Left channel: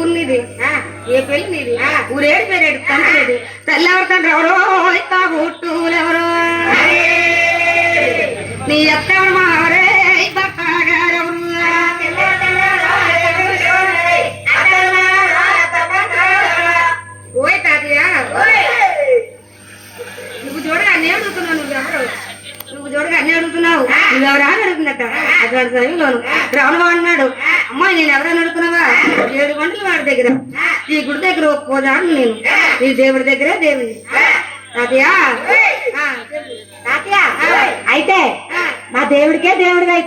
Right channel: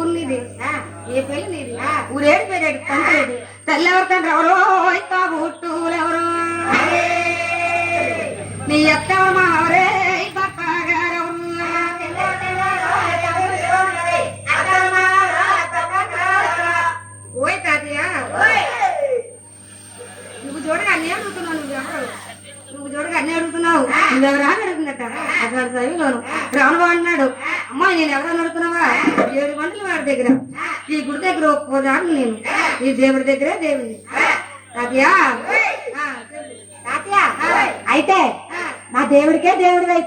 ఊరినిది ఏ పెళ్లి నీది ఊరేడు పేరేడు తండ్రి తెల్లెవరు తండ్రి ఎవరో తాగుట్టులెవరో నీ ఎత్తెవరు మారే భర్తగారెవరు ఓయ్ తాతయ్య నువ్వు చూడగా అన్నీ అడుగుతున్నావు నువ్వు చూడగా అన్నీ అడుగుతున్నావు నువ్వెవరా అని అడుగుతున్నట్ట అటువంటి సమయంలోను రావణ అన్నాడు అమ్మాయి నేను ఎవరైనా అడుగుతున్నావా 7 గంటలు వాడి దగ్గర ఈ గుడి దగ్గర ఒప్పుకోదాను నేను ఈ దేవుడి దగ్గరే దేవుని తాతయ్య తాతయ్య అయితే మా దేవుడికే దేవుడిది అయితే